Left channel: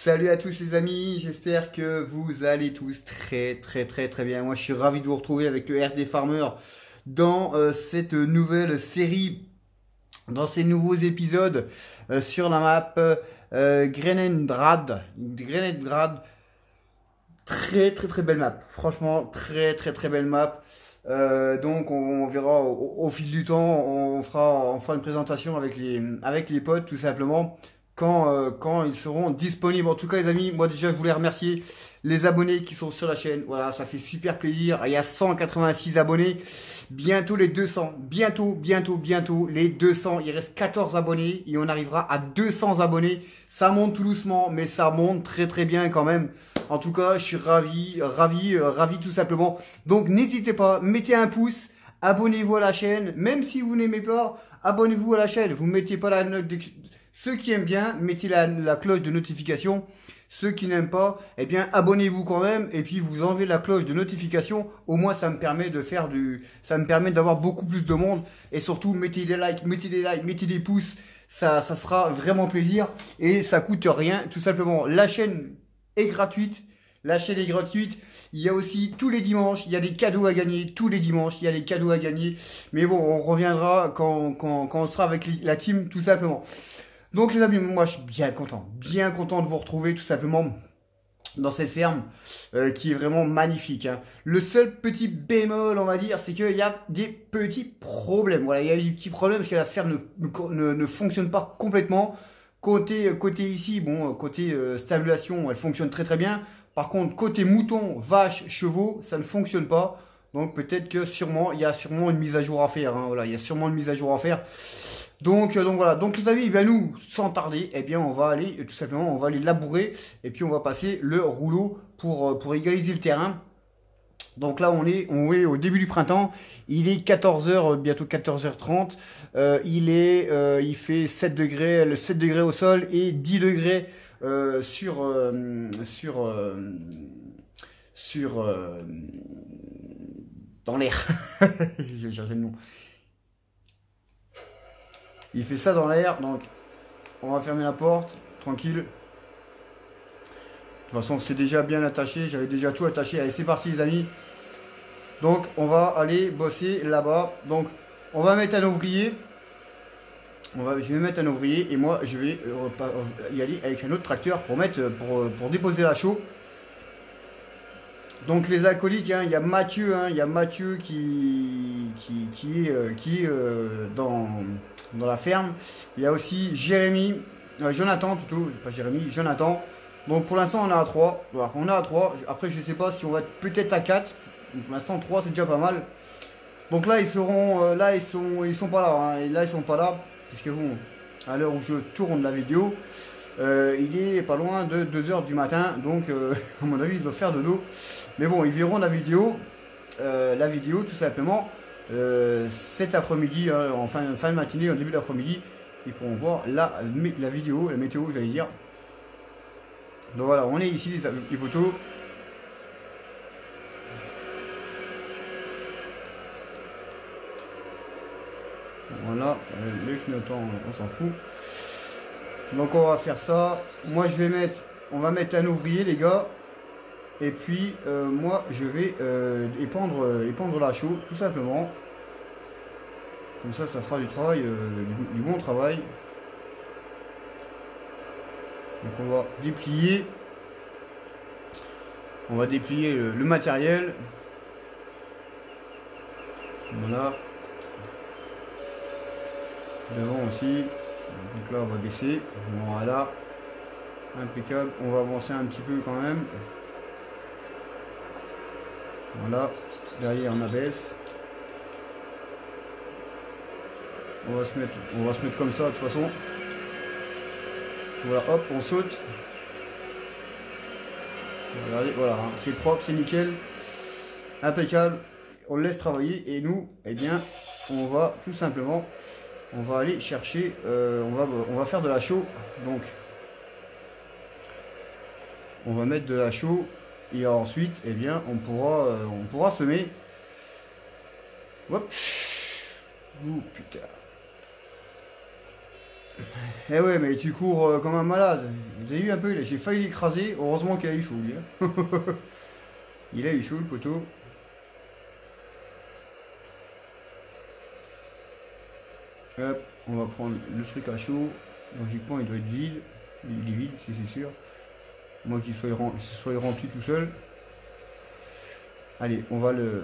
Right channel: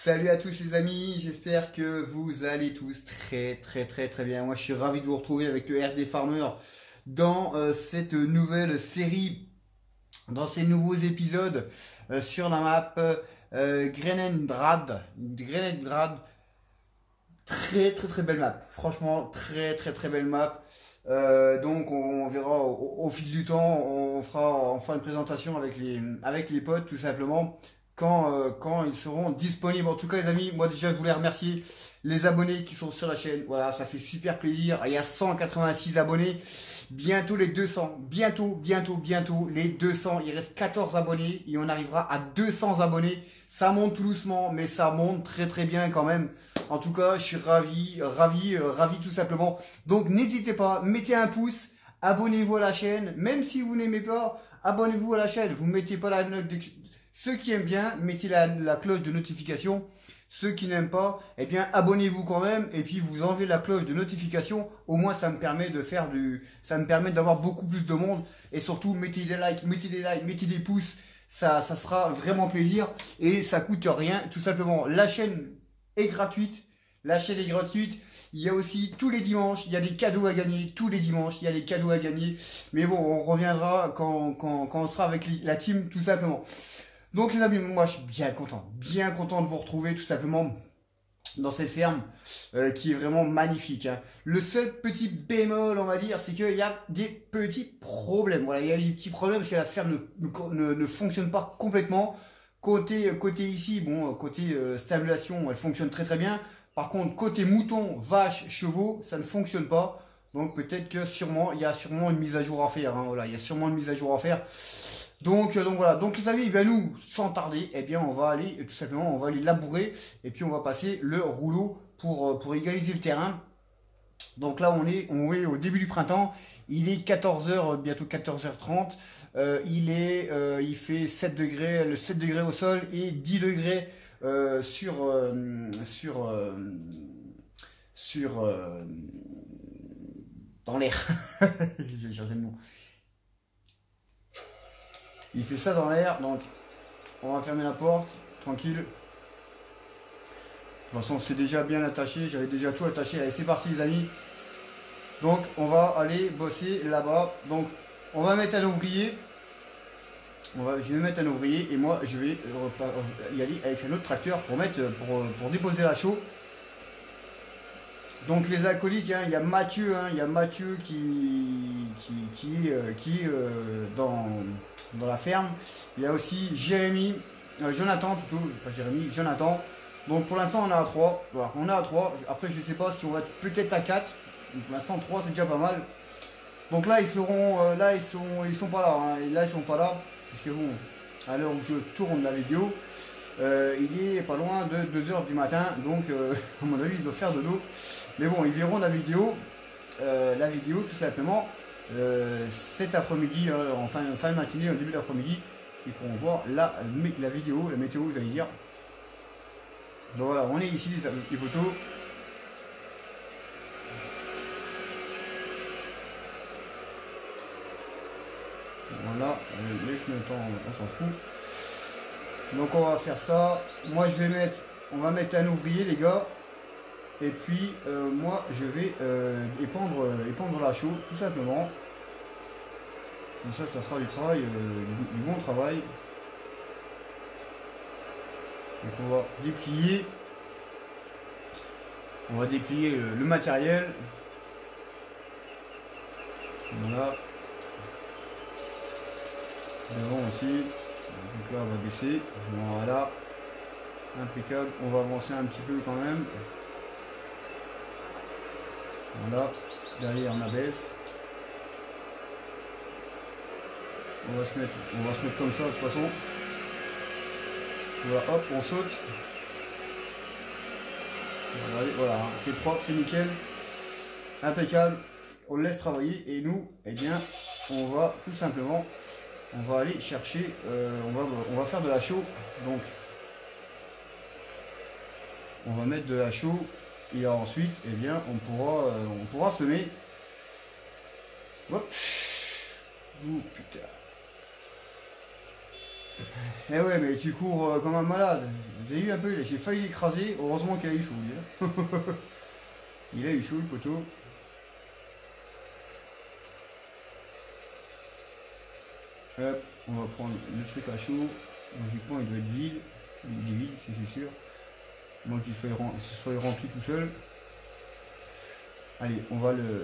Salut à tous les amis, j'espère que vous allez tous très bien. Moi je suis ravi de vous retrouver avec le RD Farmer dans cette nouvelle série, dans ces nouveaux épisodes sur la map Greningrad. Très belle map, franchement très belle map. Donc on verra au fil du temps, on fera une présentation avec les potes tout simplement quand ils seront disponibles. En tout cas les amis, moi déjà je voulais remercier les abonnés qui sont sur la chaîne. Voilà, ça fait super plaisir. Il y a 186 abonnés, bientôt les 200, bientôt les 200. Il reste 14 abonnés et on arrivera à 200 abonnés. Ça monte tout doucement mais ça monte très bien quand même. En tout cas je suis ravi tout simplement. Donc n'hésitez pas, mettez un pouce, abonnez-vous à la chaîne, même si vous n'aimez pas, abonnez-vous à la chaîne. Vous ne mettez pas la note de... Ceux qui aiment bien, mettez la cloche de notification. Ceux qui n'aiment pas, eh bien abonnez-vous quand même. Et puis vous enlevez la cloche de notification. Au moins ça me permet de faire ça me permet d'avoir beaucoup plus de monde. Et surtout mettez des likes, mettez des pouces. Ça sera vraiment plaisir. Et ça coûte rien. Tout simplement, la chaîne est gratuite. La chaîne est gratuite. Il y a aussi tous les dimanches, il y a des cadeaux à gagner. Tous les dimanches, il y a des cadeaux à gagner. Mais bon, on reviendra quand on sera avec la team, tout simplement. Donc les amis, moi je suis bien content de vous retrouver tout simplement dans cette ferme qui est vraiment magnifique. Hein. Le seul petit bémol, on va dire, c'est qu'il y a des petits problèmes. Voilà, il y a des petits problèmes parce que la ferme ne fonctionne pas complètement. Côté ici, bon, côté stabulation, elle fonctionne très bien. Par contre, côté mouton, vaches, chevaux, ça ne fonctionne pas. Donc peut-être que il y a sûrement une mise à jour à faire. Hein. Voilà, il y a sûrement une mise à jour à faire. Donc voilà, donc les amis, ben nous, sans tarder, eh bien on va aller, tout simplement, on va aller labourer et puis on va passer le rouleau pour égaliser le terrain. Donc là on est au début du printemps, il est 14h, bientôt 14h30, il fait 7 degrés, 7 degrés au sol et 10 degrés dans l'air. J'ai cherché le nom. Il fait ça dans l'air, donc on va fermer la porte, tranquille. De toute façon, c'est déjà bien attaché, j'avais déjà tout attaché. Allez, c'est parti les amis. Donc, on va aller bosser là-bas. Donc, on va mettre un ouvrier. Je vais mettre un ouvrier et moi, je vais y aller avec un autre tracteur pour déposer la chaux. Donc les acolytes, hein, il y a Mathieu, qui est dans la ferme. Il y a aussi Jérémy, Jonathan plutôt, pas Jérémy, Jonathan. Donc pour l'instant on est à 3. Voilà, on est à 3. Après je sais pas si on va être peut-être à 4. Donc pour l'instant 3 c'est déjà pas mal. Donc là ils seront, ils sont pas là. Hein, et là ils sont pas là. Parce que bon, à l'heure où je tourne la vidéo, il est pas loin de 2h du matin, donc à mon avis il doit faire de l'eau. Mais bon, ils verront la vidéo tout simplement cet après-midi, en fin de matinée, en début d'après-midi, ils pourront voir la vidéo, la météo, j'allais dire. Donc voilà, on est ici les poteaux. Voilà, le clignotant, on s'en fout. Donc on va faire ça. Moi on va mettre un ouvrier les gars. Et puis moi je vais épandre la chaux tout simplement. Comme ça fera du travail, du bon travail. Donc on va déplier. Le matériel. Voilà. Devant aussi. Donc là on va baisser. Voilà. Impeccable. On va avancer un petit peu quand même. Voilà. Derrière on abaisse. On va se mettre comme ça de toute façon. Voilà, hop, on saute. Voilà, c'est propre, c'est nickel. Impeccable. On le laisse travailler et nous, eh bien, on va tout simplement, on va aller chercher, on va faire de la chaux. Donc, on va mettre de la chaux et ensuite, eh bien, on pourra semer. Hop. Oh putain. Eh ouais, mais tu cours comme un malade. Vous avez vu un peu, j'ai failli l'écraser. Heureusement qu'il a eu chaud, lui. Hein. Il a eu chaud, le poteau. Hop, on va prendre le truc à chaud. Logiquement, il doit être vide. Il est vide, c'est sûr. Moi qu'il soit rempli tout seul. Allez, on va le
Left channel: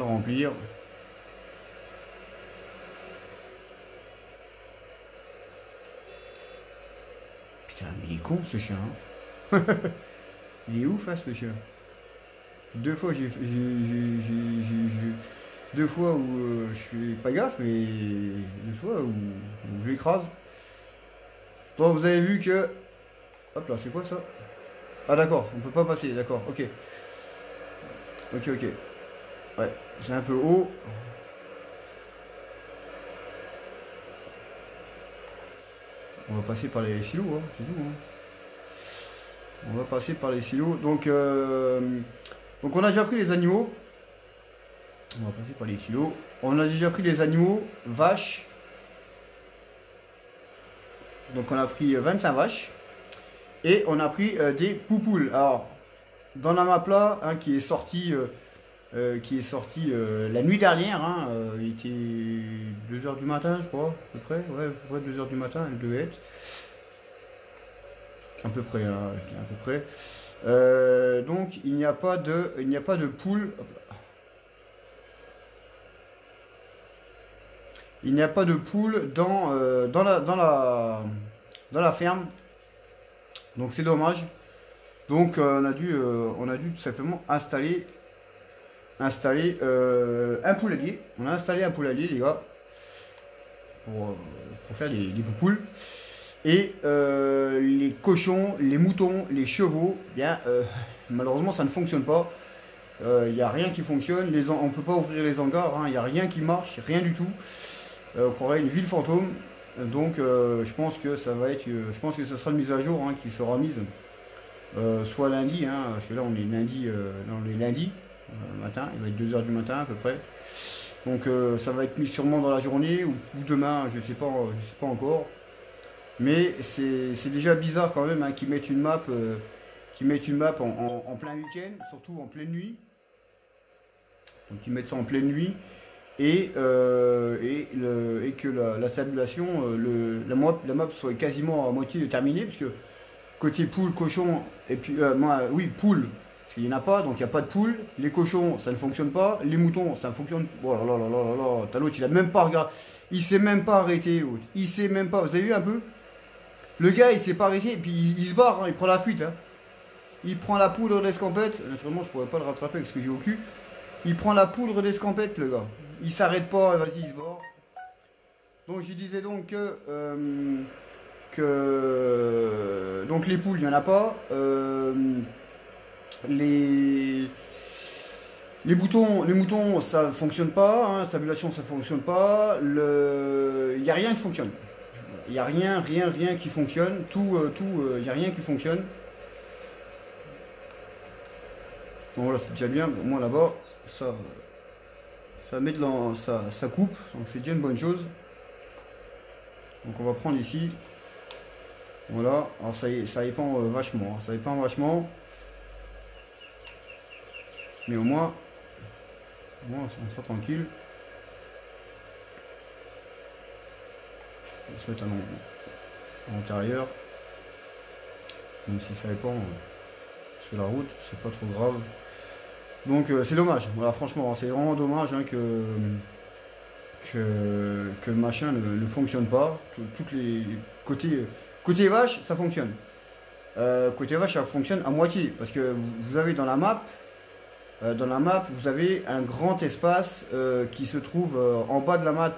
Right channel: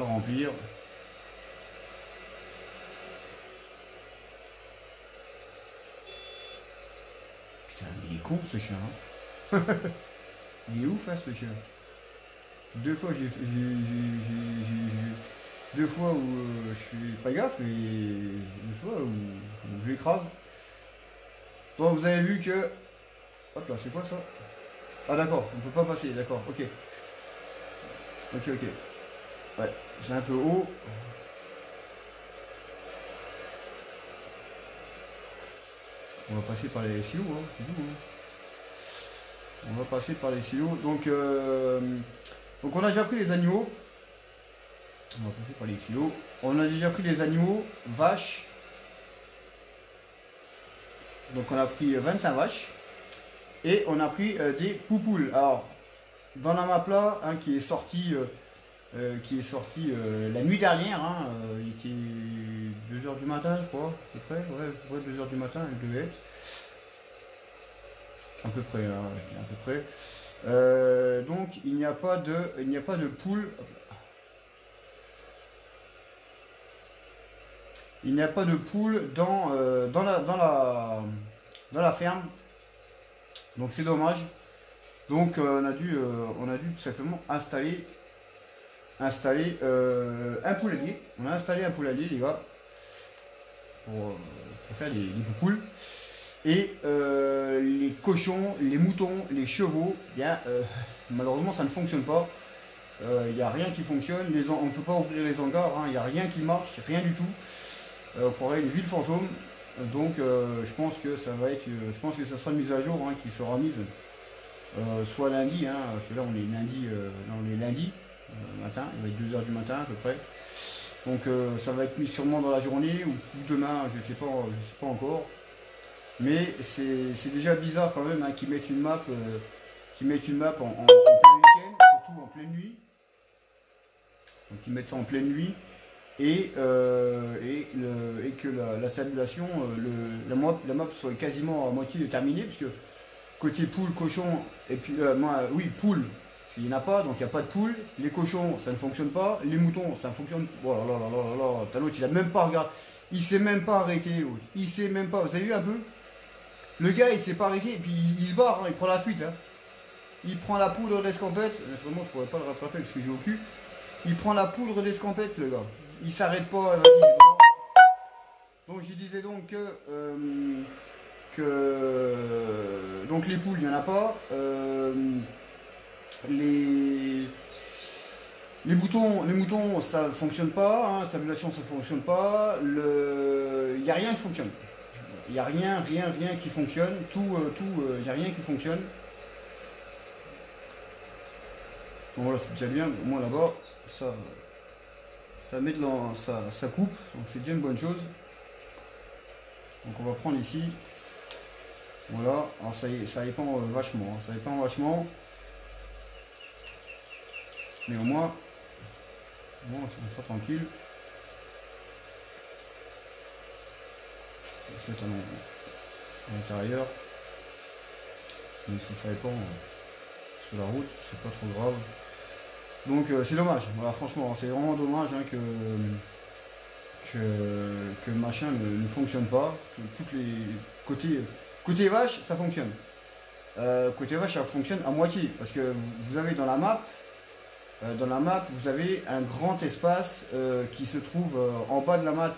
remplir. Putain, mais il est con ce chien. Hein. Il est ouf hein, ce chien. Deux fois deux fois où je fais pas gaffe, mais deux fois où je l'écrase. Bon, vous avez vu que... Hop là, c'est quoi ça? Ah d'accord, on peut pas passer, d'accord, ok. Ok. Ouais, c'est un peu haut. On va passer par les silos, hein, c'est tout. Hein. On va passer par les silos. Donc on a déjà pris les animaux. On va passer par les silos. On a déjà pris les animaux, vaches. Donc on a pris 25 vaches. Et on a pris des poupoules. Alors, dans la map là, hein, qui est sorti la nuit dernière, hein, il était 2 h du matin, je crois, à peu près. Ouais, à peu près 2 h du matin, il devait être. À peu près, hein, à peu près. Donc il n'y a pas de poule. Il n'y a pas de poule dans la ferme. Donc c'est dommage. Donc on a dû tout simplement installer un poulailler. On a installé un poulailler, les gars, pour faire les poupoules. Et les cochons, les moutons, les chevaux, bien malheureusement ça ne fonctionne pas. Il n'y a rien qui fonctionne. On ne peut pas ouvrir les hangars, hein. Il n'y a rien qui marche, rien du tout. On croirait une ville fantôme. Donc je pense que ça va être, je pense que ce sera une mise à jour hein, qui sera mise soit lundi, hein, parce que là on est lundi matin, il va être 2 h du matin à peu près. Donc ça va être mis sûrement dans la journée ou demain, je sais pas encore. Mais c'est déjà bizarre quand même hein, qu'ils mettent une map, en plein week-end, surtout en pleine nuit. Donc ils mettent ça en pleine nuit. Et que la stabilisation, la map soit quasiment à moitié terminée, parce que côté poule, cochon, et puis oui, poule, parce qu'il n'y en a pas, donc il n'y a pas de poule. Les cochons, ça ne fonctionne pas. Les moutons, ça fonctionne. Oh là là là là là, t'as l'autre, il a même pas regardé, il s'est même pas arrêté, il s'est même pas. Vous avez vu un peu? Le gars, il s'est pas arrêté, et puis il se barre, hein, il prend la fuite. Hein. Il prend la poudre d'escampette. Vraiment, je pourrais pas le rattraper avec ce que j'ai au cul. Il prend la poudre d'escampette, le gars. Il s'arrête pas, vas-y, il se barre. Donc je disais donc que donc les poules, il n'y en a pas. Les moutons, ça ne fonctionne pas. Hein, stabilisation, ça ne fonctionne pas. Il n'y a rien qui fonctionne. Il n'y a rien qui fonctionne. Il n'y a rien qui fonctionne. Donc voilà, c'est déjà bien. Au moins là-bas, ça met ça coupe. Donc c'est déjà une bonne chose. Donc on va prendre ici. Voilà. Alors ça dépend vachement. Hein, ça dépend vachement. Mais au moins on sera tranquille. On va se mettre à l'intérieur. Même si ça dépend sur la route, c'est pas trop grave. Donc c'est dommage, voilà, franchement, c'est vraiment dommage hein, que le machin ne fonctionne pas, que toutes les côté vache, ça fonctionne. Côté vache, ça fonctionne à moitié, parce que vous avez dans la map, vous avez un grand espace qui se trouve en bas de la map.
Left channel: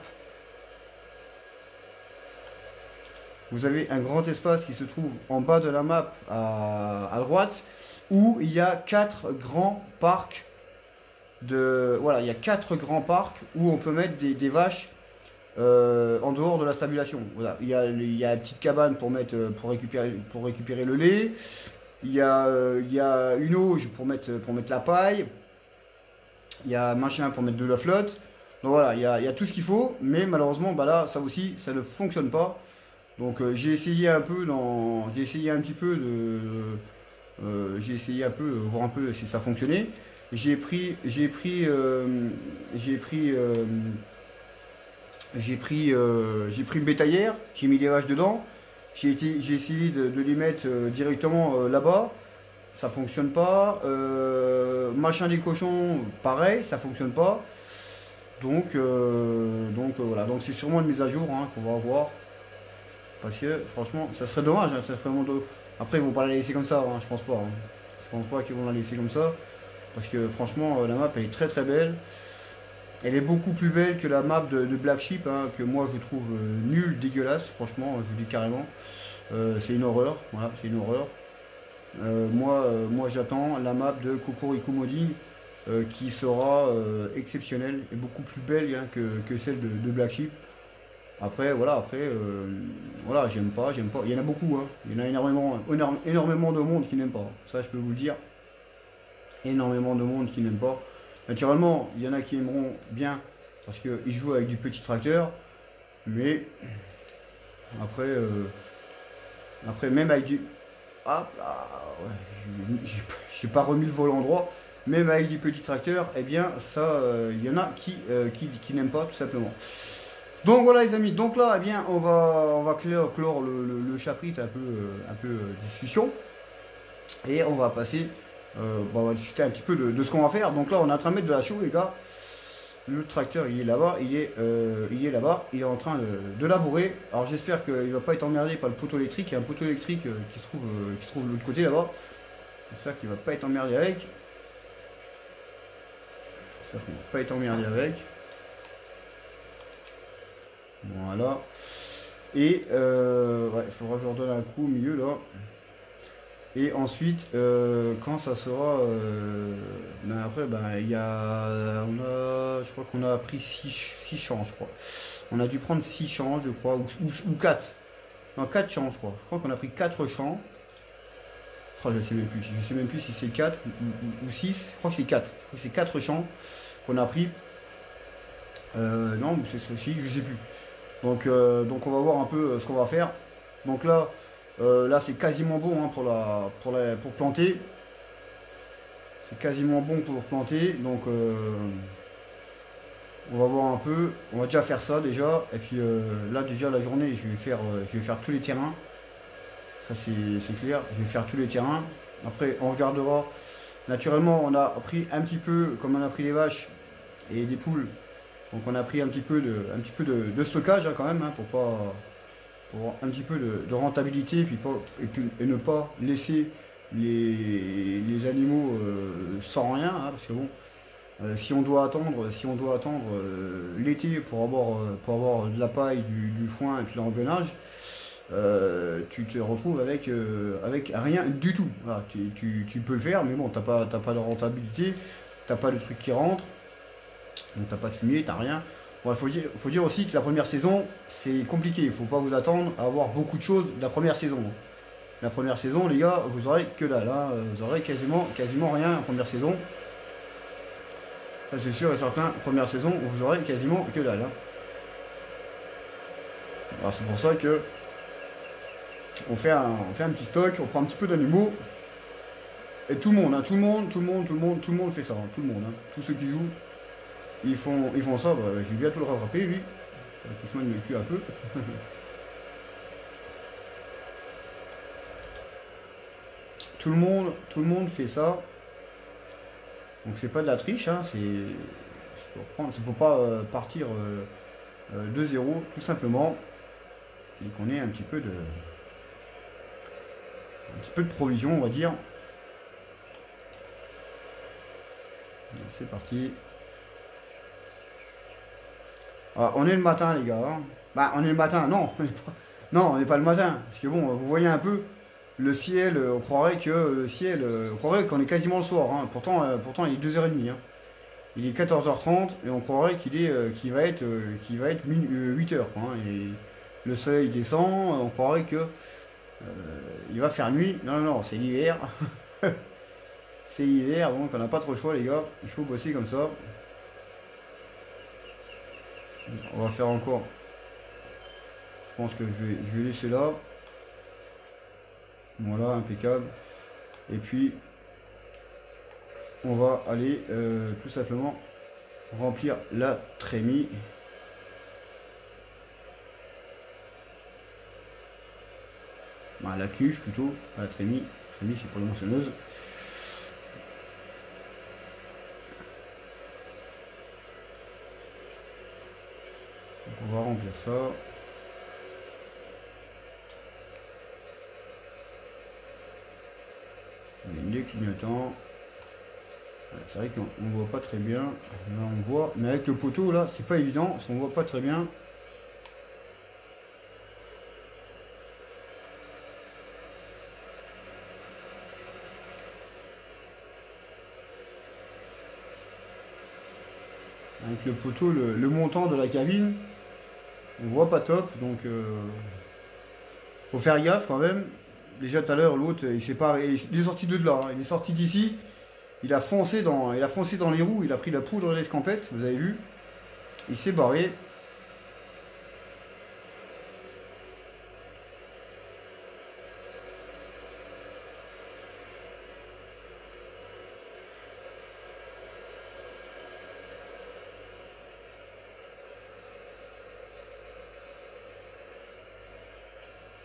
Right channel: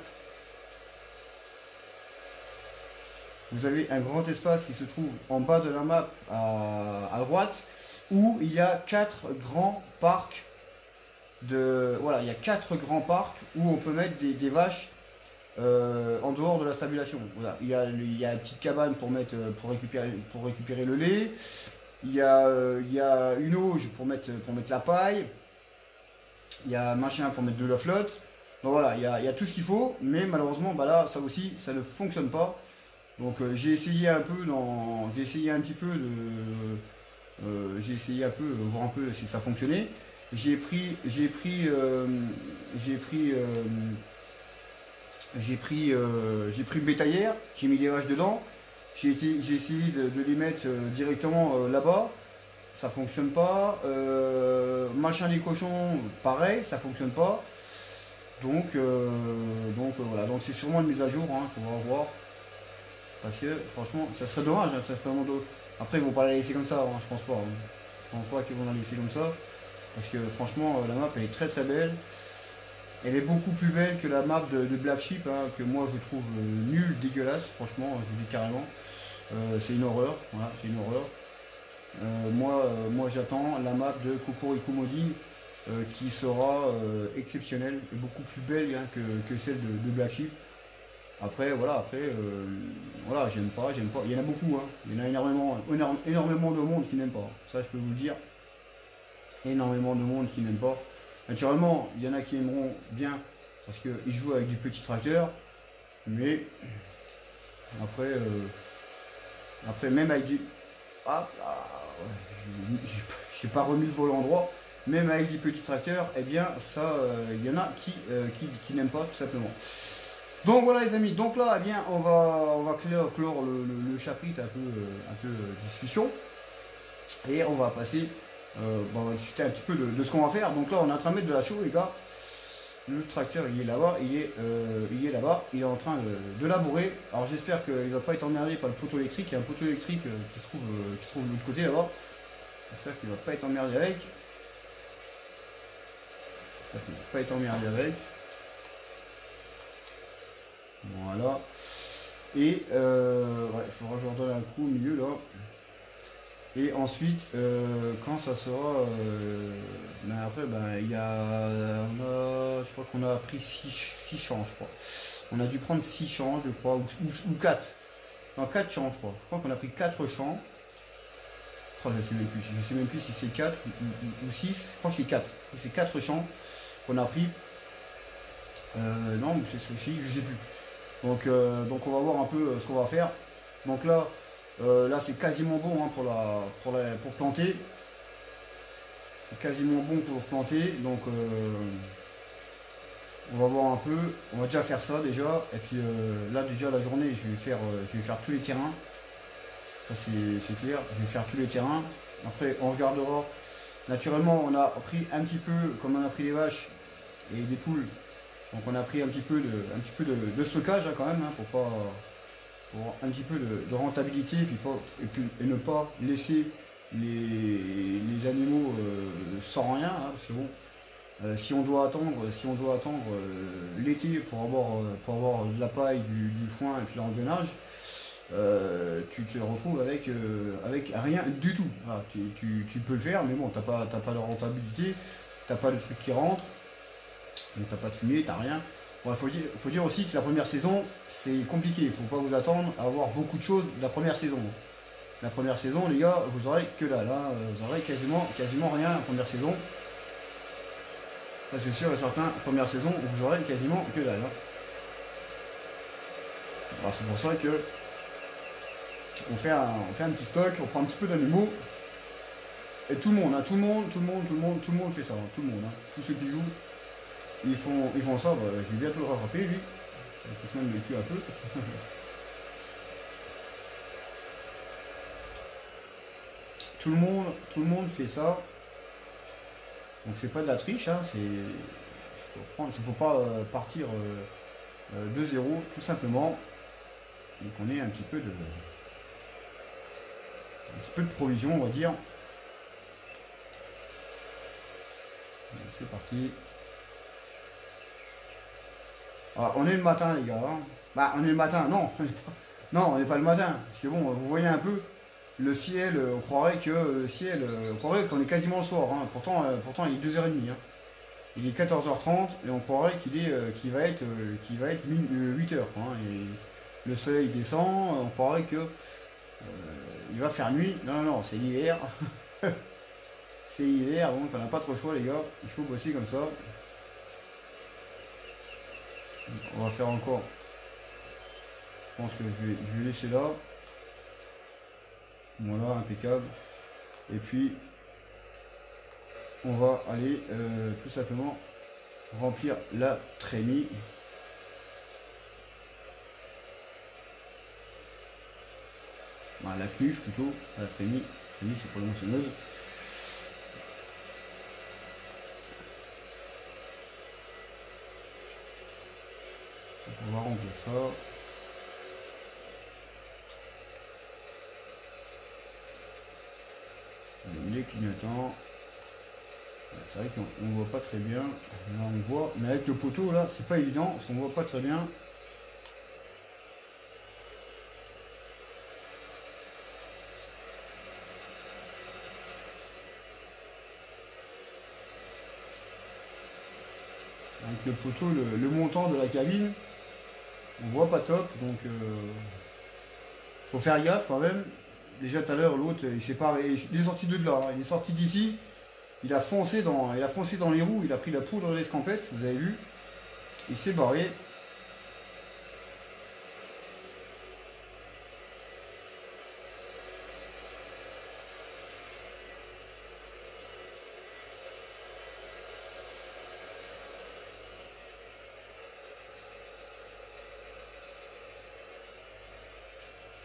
Vous avez un grand espace qui se trouve en bas de la map à droite, où il y a 4 grands parcs voilà, il y a 4 grands parcs où on peut mettre des vaches en dehors de la stabilisation. Voilà, il y a une petite cabane pour récupérer le lait. Il y a une auge pour mettre la paille. Il y a un machin pour mettre de la flotte. Donc voilà, il y a tout ce qu'il faut, mais malheureusement, bah là, ça aussi, ça ne fonctionne pas. Donc j'ai essayé un peu j'ai essayé un petit peu j'ai essayé un peu voir un peu si ça fonctionnait. J'ai pris j'ai pris j'ai pris j'ai pris une bétaillère, j'ai mis des vaches dedans. J'ai essayé de les mettre directement là-bas. Ça fonctionne pas. Machin des cochons, pareil, ça fonctionne pas. Voilà. Donc c'est sûrement une mise à jour hein, qu'on va avoir. Parce que franchement, ça serait dommage. Hein, ça serait vraiment Après, ils vont pas la laisser comme ça, hein, je pense pas. Hein. Je pense pas qu'ils vont la laisser comme ça. Parce que franchement, la map elle est très très belle. Elle est beaucoup plus belle que la map de Black Sheep, hein, que moi je trouve nulle, dégueulasse, franchement, je vous dis carrément. C'est une horreur, voilà, c'est une horreur. Moi j'attends la map de Cocorico Modding qui sera exceptionnelle et beaucoup plus belle hein, que celle de Black Sheep. Après, voilà, j'aime pas. Il y en a beaucoup, hein. Il y en a énormément de monde qui n'aime pas. Ça, je peux vous le dire. Énormément de monde qui n'aime pas. Naturellement, il y en a qui aimeront bien parce qu'ils jouent avec du petit tracteur. Mais après, même avec du... Hop là, j'ai pas remis le volant droit. Même avec du petit tracteur, eh bien, ça, il y en a qui n'aiment pas, tout simplement. Donc voilà les amis, donc là eh bien on va clore le chapitre un peu discussion et on va passer on va discuter un petit peu de ce qu'on va faire. Donc là on est en train de mettre de la chaux les gars. Le tracteur il est là-bas, il est là-bas, il est en train de labourer. Alors j'espère qu'il ne va pas être emmerdé par le poteau électrique. Il y a un poteau électrique qui se trouve de l'autre côté là-bas. J'espère qu'il ne va pas être emmerdé avec. Voilà. Et ouais, il faudra que je leur donne un coup au milieu là. Et ensuite, quand ça sera. Ben après, ben, il y a. Je crois qu'on a pris 6 champs, je crois. On a dû prendre 6 champs, je crois, ou 4. Non, 4 champs, je crois. Je crois qu'on a pris 4 champs. Oh, je sais même plus. Je sais même plus si c'est 4 ou 6. Je crois que c'est 4. C'est 4 champs qu'on a pris. Non, c'est aussi, je sais plus. Donc on va voir un peu ce qu'on va faire. Donc là, c'est quasiment bon hein, pour planter. C'est quasiment bon pour planter. Donc on va voir un peu. On va déjà faire ça déjà. Et puis là déjà la journée, je vais faire tous les terrains. Ça c'est clair. Je vais faire tous les terrains. Après on regardera. Naturellement on a pris un petit peu, comme on a pris des vaches et des poules. Donc on a pris un petit peu de stockage hein, quand même, hein, pour un petit peu de rentabilité et ne pas laisser les animaux sans rien. Hein, parce que bon, si on doit attendre l'été pour avoir de la paille, du foin et puis l'engrenage, tu te retrouves avec rien du tout. Voilà, tu peux le faire, mais bon, t'as pas de rentabilité, t'as pas de truc qui rentre. Donc t'as pas de fumier, t'as rien. Bon, faut dire aussi que la première saison, c'est compliqué. Il faut pas vous attendre à avoir beaucoup de choses la première saison. La première saison, les gars, vous aurez que dalle. Hein. Vous aurez quasiment rien la première saison. Ça c'est sûr et certain. Première saison, vous aurez quasiment que dalle. Hein. Alors c'est pour ça que on fait un petit stock, on prend un petit peu d'animaux. Et tout le monde fait ça. Hein. Tout le monde. Hein. Tous ceux qui jouent. Ils font ça, bah, je vais bientôt le rattraper lui. Il se met plus un peu. Tout le monde fait ça. Donc c'est pas de la triche, hein, c'est pour pas partir de zéro, tout simplement. Et qu'on ait un petit peu de provision, on va dire. C'est parti. Alors, on est le matin, les gars. Hein. Bah, on est le matin, non. Non, on n'est pas le matin. Parce que bon, vous voyez un peu le ciel, on croirait qu'on est quasiment le soir. Hein. Pourtant, il est 2h30. Hein. Il est 14h30 et on croirait qu'il va être 8h. Hein. Et le soleil descend, on croirait que il va faire nuit. Non, c'est l'hiver. C'est hiver, donc on n'a pas trop le choix, les gars. Il faut bosser comme ça. On va faire encore Je pense que je vais laisser là. Voilà, impeccable. Et puis, on va aller tout simplement remplir la trémie. Enfin, la cuve plutôt, la trémie. Trémie, c'est pas la moissonneuse. On va remplir ça. Les clignotants. C'est vrai qu'on ne voit pas très bien. Là on voit, mais avec le poteau là, c'est pas évident, parce qu'on voit pas très bien. Avec le poteau, le montant de la cabine, on voit pas top, donc faut faire gaffe quand même. Déjà tout à l'heure, l'autre, il est sorti de là, hein. Il est sorti d'ici, il a foncé dans les roues, il a pris la poudre de l'escampette, vous avez vu, il s'est barré.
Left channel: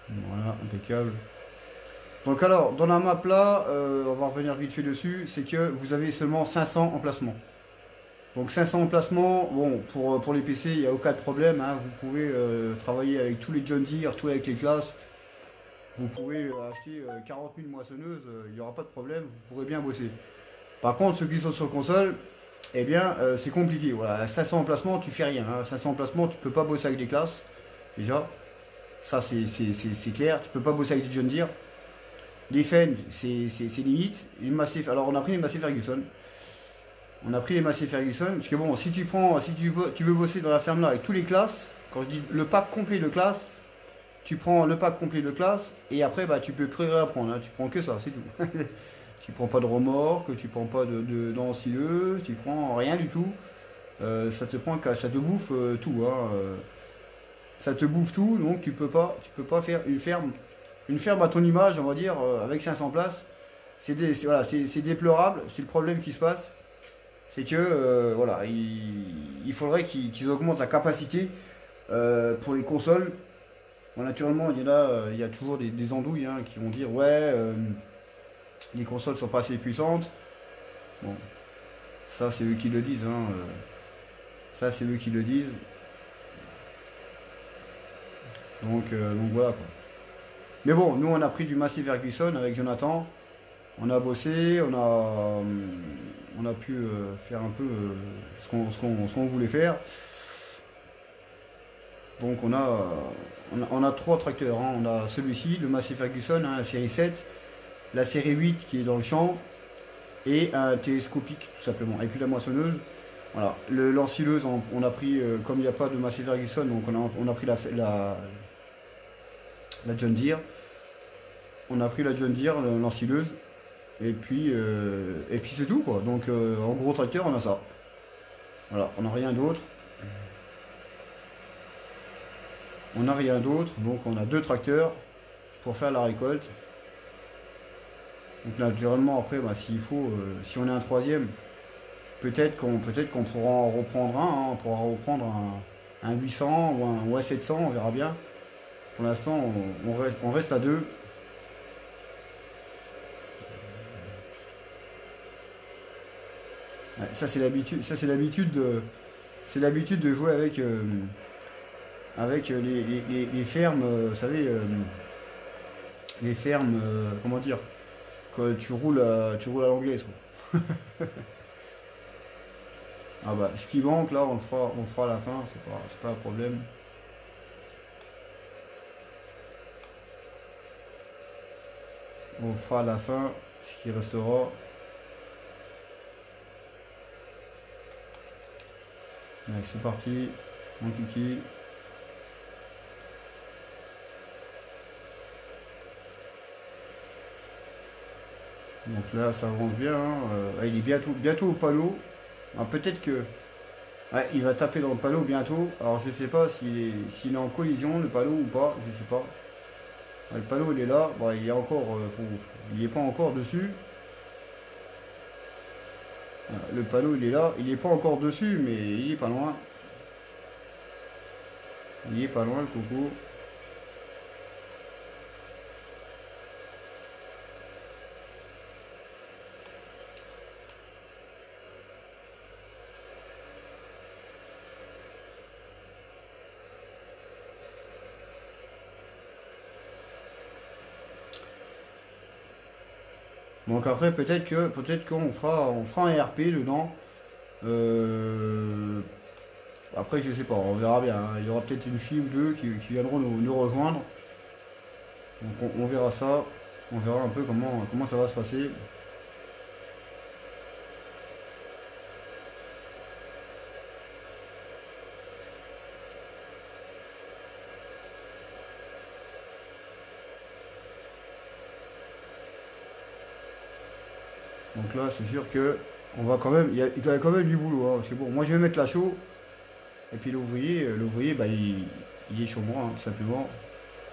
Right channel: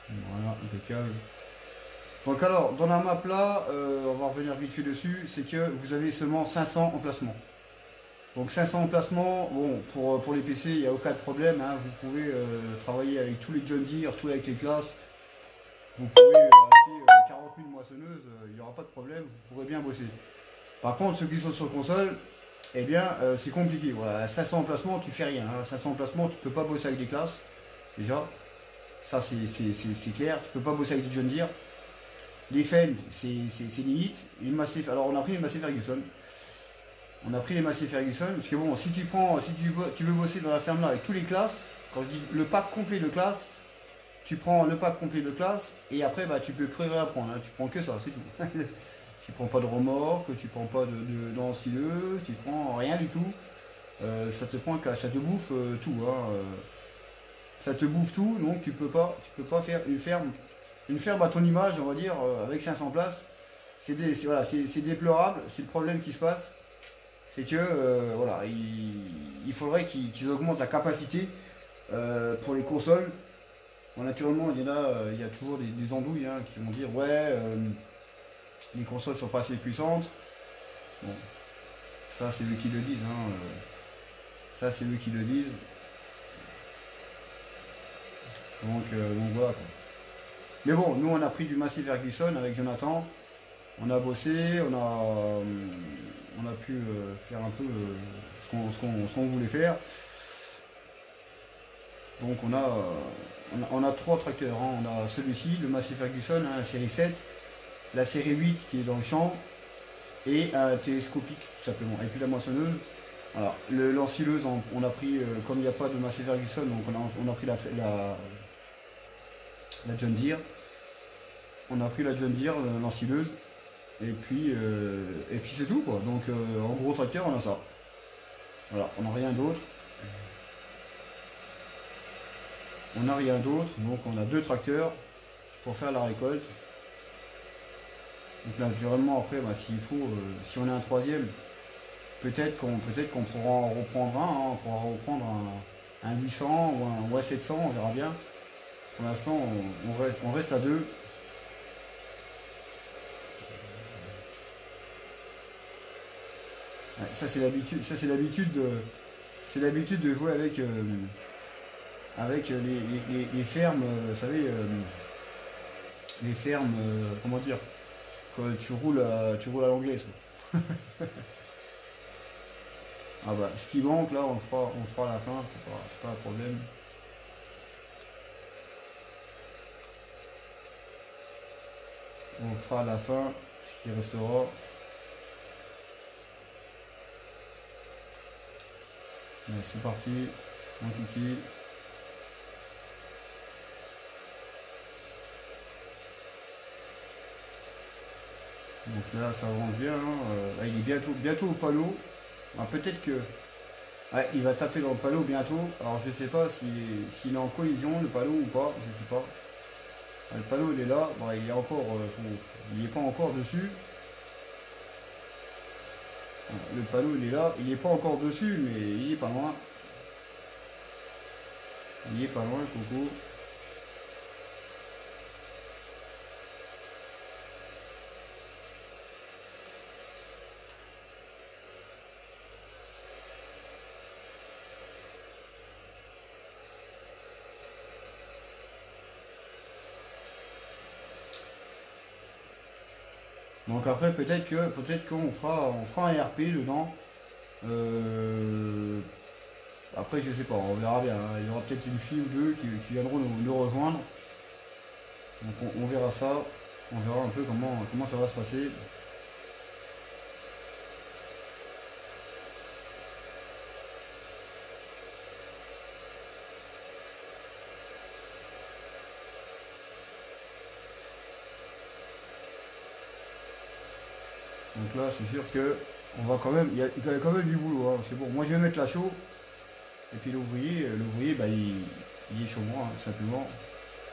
Voilà, impeccable. Donc alors, dans la map là, on va revenir vite fait dessus, c'est que vous avez seulement 500 emplacements. Donc 500 emplacements, bon, pour les PC, il n'y a aucun problème, hein. Vous pouvez travailler avec tous les John Deere, tout avec les classes. Vous pouvez acheter 40 000 moissonneuses, il n'y aura pas de problème, vous pourrez bien bosser. Par contre, ceux qui sont sur console, eh bien, c'est compliqué. Voilà, 500 emplacements, tu fais rien, hein. 500 emplacements, tu peux pas bosser avec des classes, déjà. Ça, c'est clair, tu peux pas bosser avec du John Deere. Les fans, c'est limite. Alors, on a pris les Massey Ferguson. On a pris les Massey Ferguson, parce que bon, si tu veux bosser dans la ferme là avec tous les classes, quand je dis le pack complet de classe, tu prends le pack complet de classe, et après, bah, tu peux plus rien prendre, hein. Tu prends que ça, c'est tout. Tu prends pas de remorque, tu prends pas d'ensileuse, tu prends rien du tout. Ça te bouffe tout, hein. Ça te bouffe tout, donc tu peux pas faire une ferme à ton image, on va dire, avec 500 places. C'est déplorable, c'est le problème qui se passe. C'est que voilà, il faudrait qu'ils augmentent la capacité pour les consoles. Bon, naturellement, il y a toujours des andouilles, hein, qui vont dire ouais, les consoles sont pas assez puissantes. Bon, ça c'est eux qui le disent, hein, ça c'est eux qui le disent. Donc voilà quoi. Mais bon, nous on a pris du Massey Ferguson avec Jonathan. On a bossé, on a pu faire un peu ce qu'on voulait faire. Donc on a trois tracteurs, hein. On a celui-ci, le Massey Ferguson, hein, la série 7, la série 8 qui est dans le champ, et un télescopique tout simplement, et puis la moissonneuse. Voilà. L'ensileuse, on a pris, comme il n'y a pas de Massey Ferguson, donc on a pris la John Deere. On a pris la John Deere, l'ensileuse. Et puis c'est tout quoi. Donc en gros tracteur on a ça. Voilà, on n'a rien d'autre. On n'a rien d'autre, donc on a deux tracteurs pour faire la récolte. Donc naturellement après, bah, s'il faut, si on est un troisième, peut-être qu'on pourra en reprendre un, hein. On pourra reprendre un 800 ou un 700, on verra bien. Pour l'instant on reste à deux. Ça c'est l'habitude de jouer avec les fermes, vous savez, les fermes, comment dire, quand tu roules à l'anglaise. Ah bah, ce qui manque là, on le fera à la fin, c'est pas un problème. On le fera à la fin, ce qui restera. Allez, c'est parti, mon kiki. Donc là, ça avance bien, hein. Il est bientôt au panneau. Peut-être que Ouais, il va taper dans le panneau bientôt. Alors je sais pas s'il est en collision le panneau ou pas, je sais pas. Le panneau il est là, bon il est encore, il est pas encore dessus. Le panneau il est là, il est pas encore dessus mais il est pas loin. Il est pas loin le coco. Donc après peut-être qu'on fera un RP dedans. Euh, Après je sais pas, on verra bien, hein. Il y aura peut-être une fille ou deux qui viendront nous rejoindre. Donc on verra ça. On verra un peu comment ça va se passer. Donc là c'est sûr que on va quand même, il y a quand même du boulot, hein, parce que bon, moi je vais mettre la chaux. Et puis l'ouvrier, bah, il est chez moi, hein, tout simplement.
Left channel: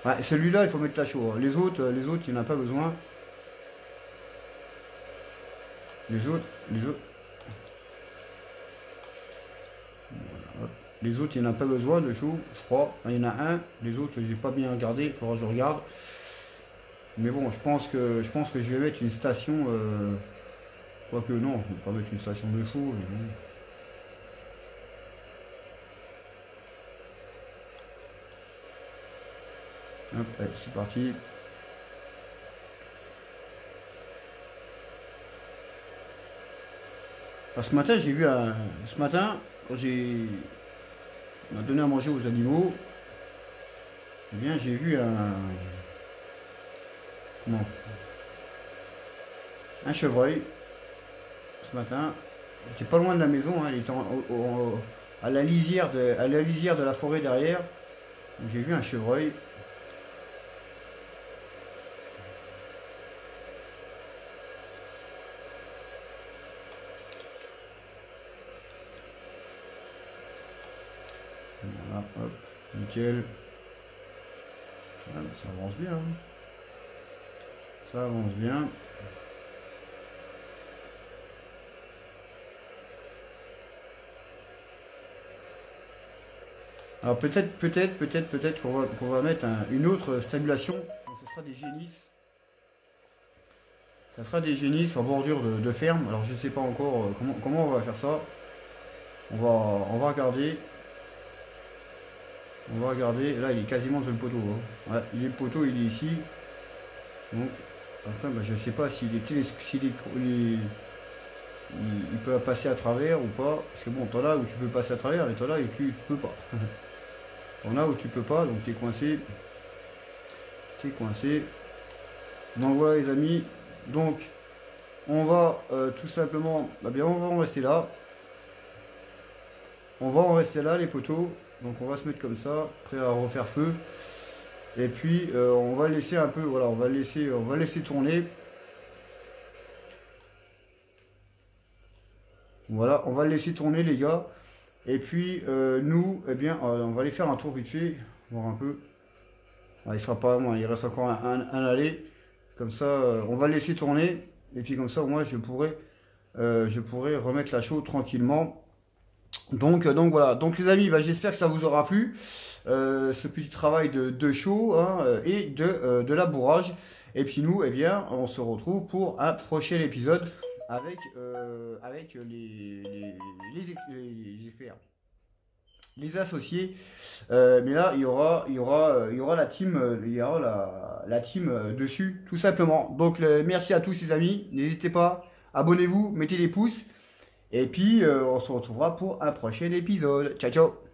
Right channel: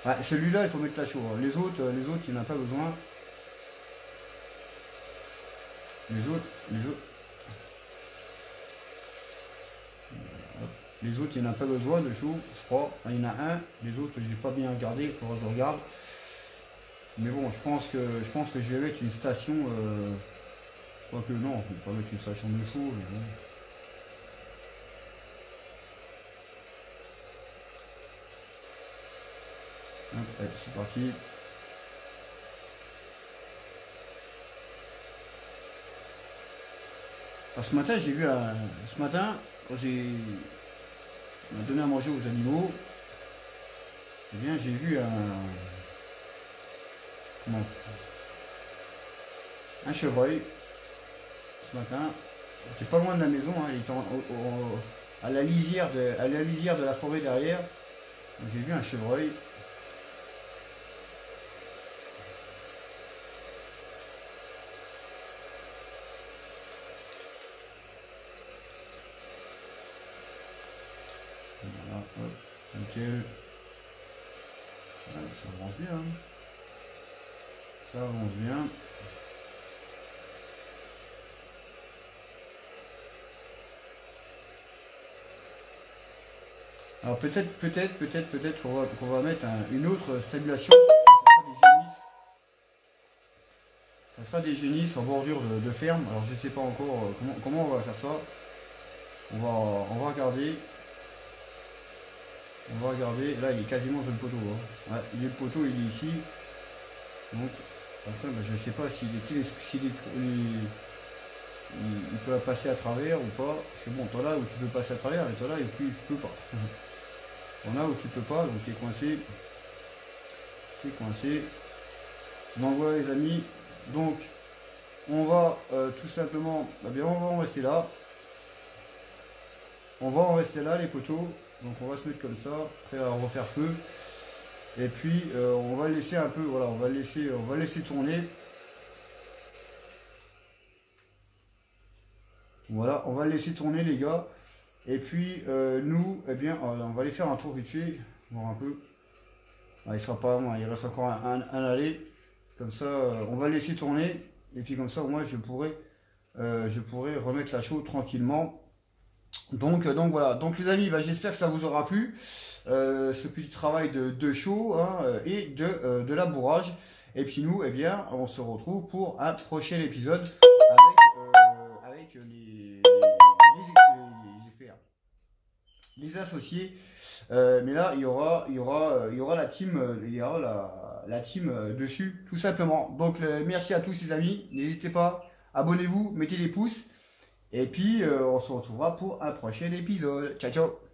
Ah, celui-là, il faut mettre la chaux, hein. Les autres, il n'en a pas besoin. Les autres, hop. Les autres, il n'en a pas besoin de chaux, je crois. Ah, il y en a un. Les autres, j'ai pas bien regardé, il faudra que je regarde. Mais bon, je pense que je vais mettre une station. Quoique non, je ne vais pas mettre une station de chaux. Mais bon. Hop, allez, c'est parti. Alors, ce matin, quand on m'a donné à manger aux animaux, eh bien j'ai vu non, un chevreuil ce matin. Il était pas loin de la maison, hein, il était à la lisière de la forêt derrière. J'ai vu un chevreuil. Voilà, hop, nickel. Voilà, ça avance bien, hein. Ça avance bien. Alors peut-être qu'on va mettre une autre stabulation. Ça sera des génisses en bordure de ferme. Alors je sais pas encore comment on va faire ça. On va regarder. On va regarder. Là il est quasiment sur le poteau, hein. Voilà, le poteau il est ici. Donc après ben, je sais pas il peut passer à travers ou pas. Parce que bon, t'en là où tu peux passer à travers et t'en là où tu peux pas. T'en là où tu peux pas, donc t'es coincé. T'es coincé. Donc voilà les amis. Donc on va tout simplement, bah bien on va en rester là. On va en rester là les poteaux. Donc on va se mettre comme ça, prêt à refaire feu. Et puis on va laisser un peu, voilà, on va laisser tourner. Voilà, on va le laisser tourner les gars. Et puis nous, eh bien, on va aller faire un tour vite fait, voir un peu. Ah, il sera pas loin, il reste encore un aller. Comme ça, on va le laisser tourner. Et puis comme ça, moi, je pourrais remettre la chaux tranquillement. Donc voilà. Donc les amis, bah, j'espère que ça vous aura plu. Ce petit travail de chaux, hein, et de labourage. Et puis nous, eh bien, on se retrouve pour un prochain épisode avec experts, les associés. Mais là, il y aura la team, la team dessus, tout simplement. Donc merci à tous les amis. N'hésitez pas, abonnez-vous, mettez des pouces. Et puis on se retrouvera pour un prochain épisode. Ciao ciao.